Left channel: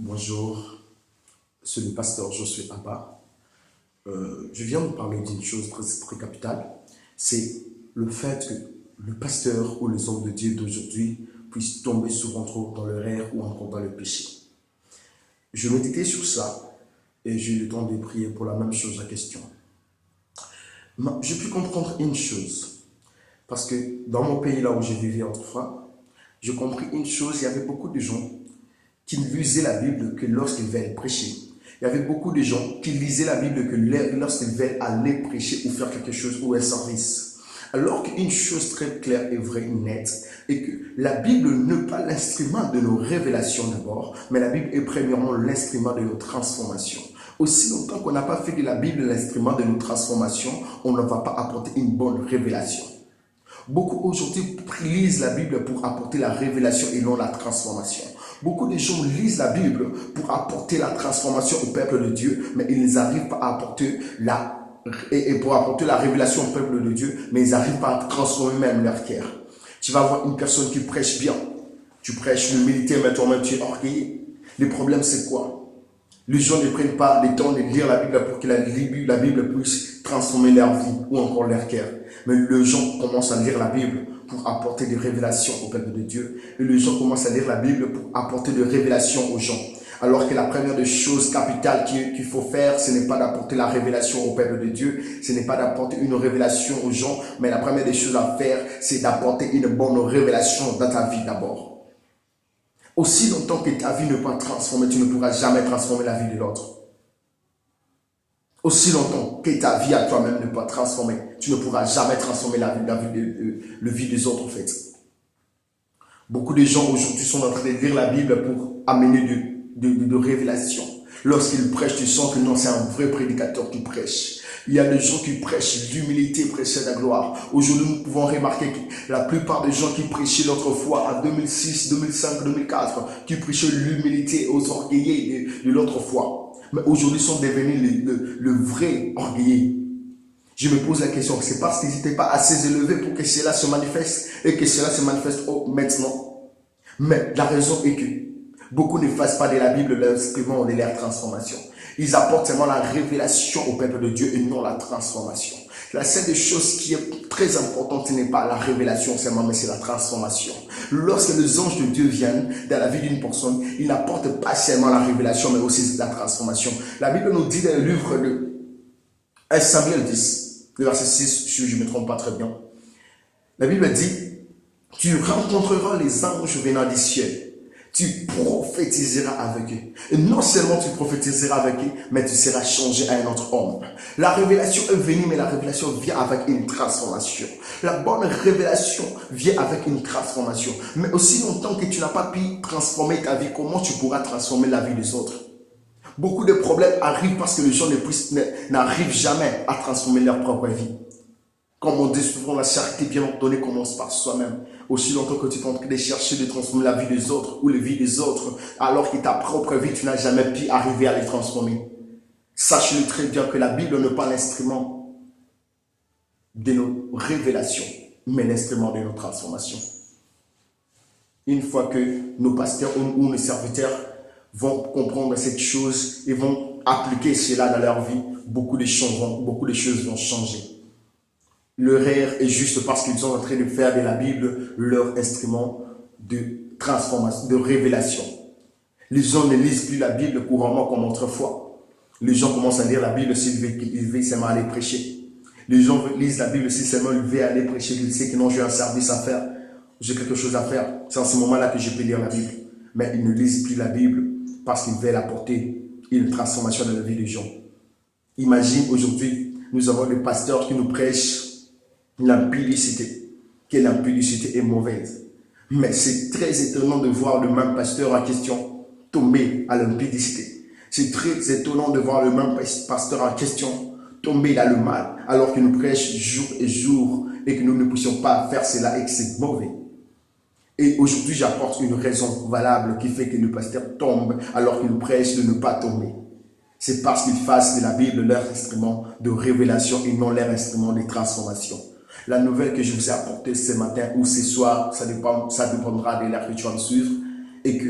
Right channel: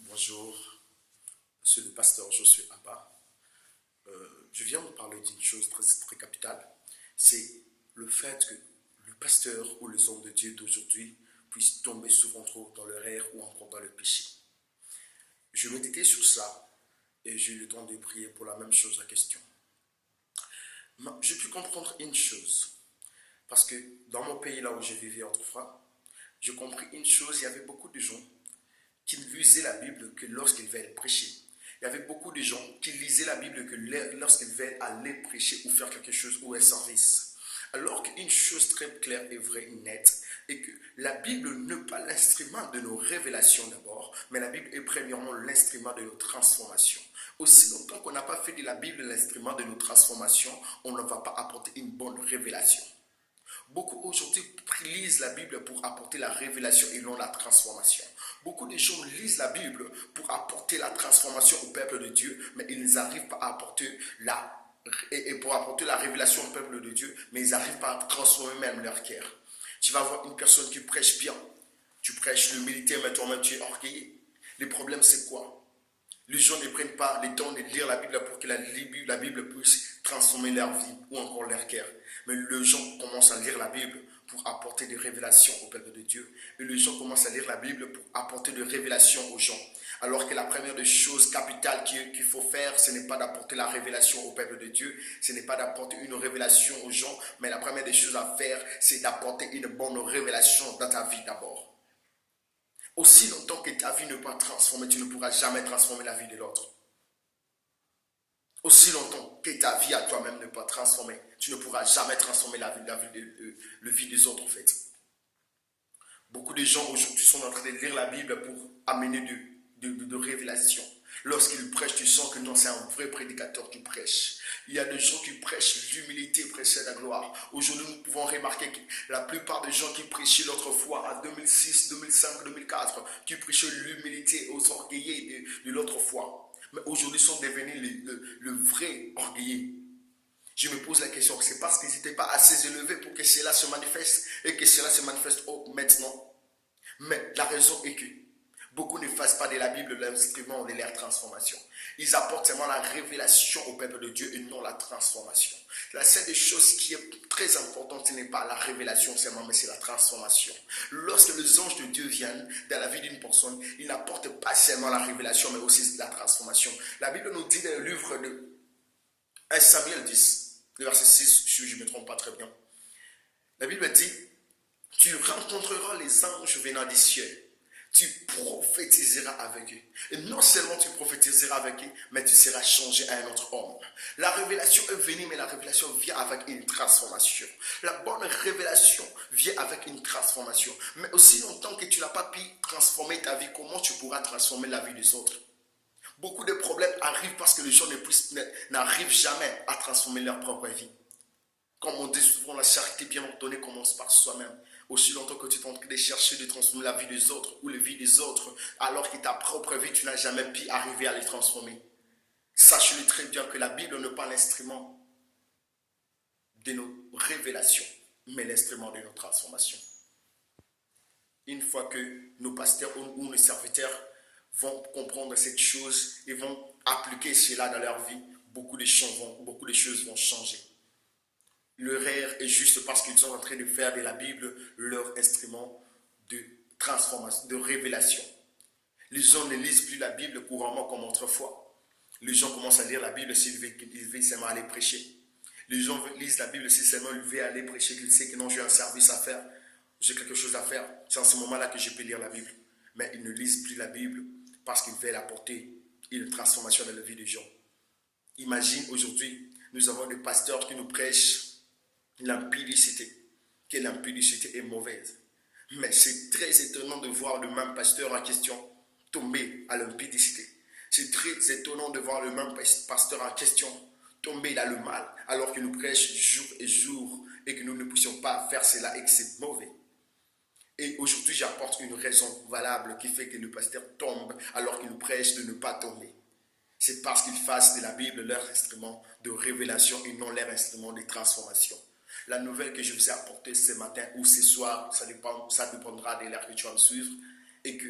Bonjour, c'est le pasteur Josué Abba. Je viens vous parler d'une chose très capitale. C'est le fait que le pasteur ou les hommes de Dieu d'aujourd'hui puissent tomber souvent trop dans l'erreur ou encore dans le péché. Je méditais sur ça et j'ai eu le temps de prier pour la même chose, la question. J'ai pu comprendre une chose, parce que dans mon pays, là où j'ai vécu autrefois, j'ai compris une chose, il y avait beaucoup de gens qui ne lisaient la Bible que lorsqu'ils veulent prêcher. Il y avait beaucoup de gens qui lisaient la Bible que lorsqu'ils veulent aller prêcher ou faire quelque chose ou un service. Alors qu'une chose très claire et vraie, nette, est que la Bible n'est pas l'instrument de nos révélations d'abord, mais la Bible est premièrement l'instrument de nos transformations. Aussi longtemps qu'on n'a pas fait de la Bible l'instrument de nos transformations, on ne va pas apporter une bonne révélation. Beaucoup aujourd'hui lisent la Bible pour apporter la révélation et non la transformation. Beaucoup de gens lisent la Bible pour apporter la transformation au peuple de Dieu, mais ils n'arrivent pas à apporter pour apporter la révélation au peuple de Dieu, mais ils n'arrivent pas à transformer même leur cœur. Tu vas voir une personne qui prêche bien. Tu prêches l'humilité, mais toi-même tu es orgueilleux. Le problème c'est quoi? Les gens ne prennent pas le temps de lire la Bible pour que la Bible puisse transformer leur vie ou encore leur cœur. Mais les gens commencent à lire la Bible pour apporter des révélations au peuple de Dieu. Et les gens commencent à lire la Bible pour apporter des révélations aux gens. Alors que la première des choses capitales qu'il faut faire, ce n'est pas d'apporter la révélation au peuple de Dieu, ce n'est pas d'apporter une révélation aux gens, mais la première des choses à faire, c'est d'apporter une bonne révélation dans ta vie d'abord. Aussi longtemps que ta vie n'est pas transformée, tu ne pourras jamais transformer la vie de l'autre. Aussi longtemps que ta vie à toi-même n'est pas transformée, tu ne pourras jamais transformer la vie des autres en fait. Beaucoup de gens aujourd'hui sont en train de lire la Bible pour amener de révélations. Lorsqu'ils prêchent, tu sens que non, c'est un vrai prédicateur qui prêche. Il y a des gens qui prêchent l'humilité, prêchent la gloire. Aujourd'hui, nous pouvons remarquer que la plupart des gens qui prêchaient l'autrefois, en 2006, 2005, 2004, qui prêchaient l'humilité aux orgueillés de l'autrefois, mais aujourd'hui sont devenus le vrai orgueillé. Je me pose la question, c'est parce qu'ils n'étaient pas assez élevés pour que cela se manifeste et que cela se manifeste maintenant. Mais la raison est que beaucoup ne fassent pas de la Bible l'instrument de leur transformation. Ils apportent seulement la révélation au peuple de Dieu et non la transformation. La seule chose qui est très importante, ce n'est pas la révélation seulement, mais c'est la transformation. Lorsque les anges de Dieu viennent dans la vie d'une personne, ils n'apportent pas seulement la révélation, mais aussi la transformation. La Bible nous dit dans le livre de 1 Samuel 10, le verset 6, si je ne me trompe pas très bien. La Bible dit, tu rencontreras les anges venant du ciel. Tu prophétiseras avec eux. Et non seulement tu prophétiseras avec eux, mais tu seras changé à un autre homme. La révélation est venue, mais la révélation vient avec une transformation. La bonne révélation vient avec une transformation. Mais aussi longtemps que tu n'as pas pu transformer ta vie, comment tu pourras transformer la vie des autres? Beaucoup de problèmes arrivent parce que les gens n'arrivent jamais à transformer leur propre vie. Comme on dit souvent, la charité bien ordonnée commence par soi-même. Aussi longtemps que tu es en train de chercher de transformer la vie des autres ou la vie des autres, alors que ta propre vie, tu n'as jamais pu arriver à les transformer. Sache-le très bien que la Bible n'est pas l'instrument de nos révélations, mais l'instrument de nos transformations. Une fois que nos pasteurs ou nos serviteurs vont comprendre cette chose et vont appliquer cela dans leur vie, beaucoup de choses vont changer. L'erreur est juste parce qu'ils sont en train de faire de la Bible leur instrument de transformation, de révélation. Les gens ne lisent plus la Bible couramment comme autrefois. Les gens commencent à lire la Bible s'ils veulent seulement aller prêcher. Les gens lisent la Bible si seulement ils veulent aller prêcher, qu'ils savent que non, j'ai un service à faire, j'ai quelque chose à faire. C'est en ce moment-là que je peux lire la Bible. Mais ils ne lisent plus la Bible parce qu'ils veulent apporter une transformation dans la vie des gens. Imagine aujourd'hui, nous avons des pasteurs qui nous prêchent l'impudicité, que l'impudicité est mauvaise. Mais c'est très étonnant de voir le même pasteur en question tomber à l'impudicité. C'est très étonnant de voir le même pasteur en question tomber dans le mal, alors qu'il nous prêche jour et jour et que nous ne puissions pas faire cela et que c'est mauvais. Et aujourd'hui, j'apporte une raison valable qui fait que le pasteur tombe alors qu'il nous prêche de ne pas tomber. C'est parce qu'ils fassent de la Bible leur instrument de révélation et non leur instrument de transformation. La nouvelle que je vous ai apportée ce matin ou ce soir, ça dépendra de l'heure que tu vas me suivre, et que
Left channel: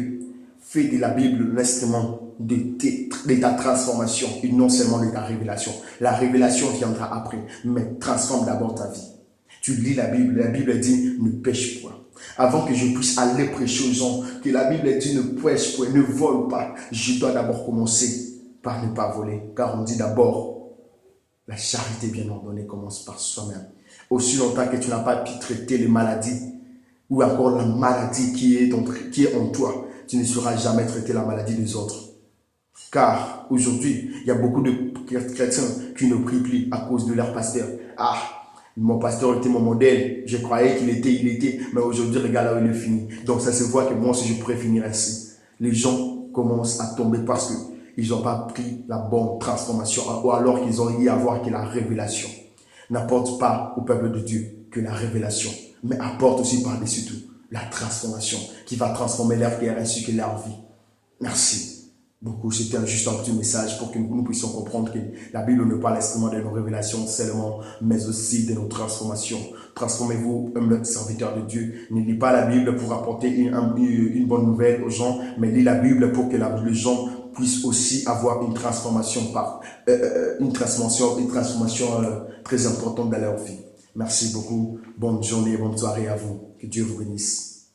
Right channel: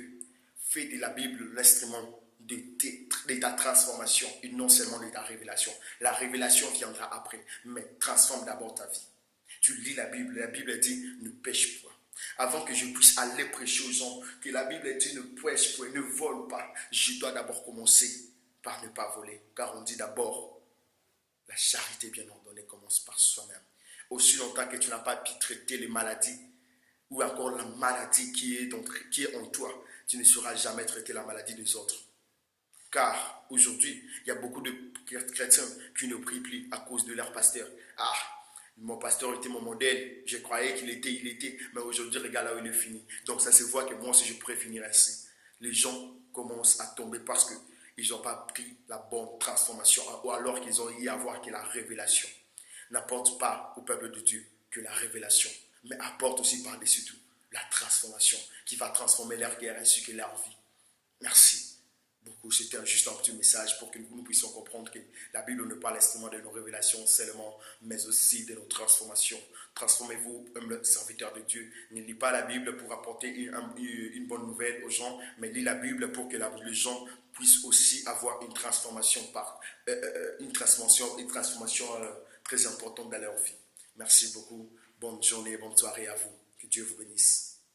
Fais de la Bible l'instrument de ta transformation et non seulement de ta révélation. La révélation viendra après, mais transforme d'abord ta vie. Tu lis la Bible dit ne pêche point. Avant que je puisse aller prêcher aux gens, que la Bible dit ne pêche point, ne vole pas, je dois d'abord commencer par ne pas voler. Car on dit d'abord, la charité bien ordonnée commence par soi-même. Aussi longtemps que tu n'as pas pu traiter les maladies, ou encore la maladie qui est en toi, tu ne sauras jamais traiter la maladie des autres. Car aujourd'hui, il y a beaucoup de chrétiens qui ne prient plus à cause de leur pasteur. Ah, mon pasteur était mon modèle, je croyais qu'il était, mais aujourd'hui, regarde là où il est fini. Donc ça se voit que moi aussi, je pourrais finir ainsi. Les gens commencent à tomber parce qu'ils n'ont pas pris la bonne transformation, ou alors qu'ils ont eu à voir que la révélation n'apporte pas au peuple de Dieu que la révélation, mais apporte aussi par-dessus tout la transformation qui va transformer leur cœur ainsi que leur vie. Merci beaucoup. C'était juste un petit message pour que nous puissions comprendre que la Bible ne parle seulement de nos révélations seulement, mais aussi de nos transformations. Transformez-vous, humble serviteur de Dieu. Ne lis pas la Bible pour apporter une bonne nouvelle aux gens, mais lis la Bible pour que les gens puissent aussi avoir une transformation très importante dans leur vie. Merci beaucoup. Bonne journée, bonne soirée à vous. Que Dieu vous bénisse.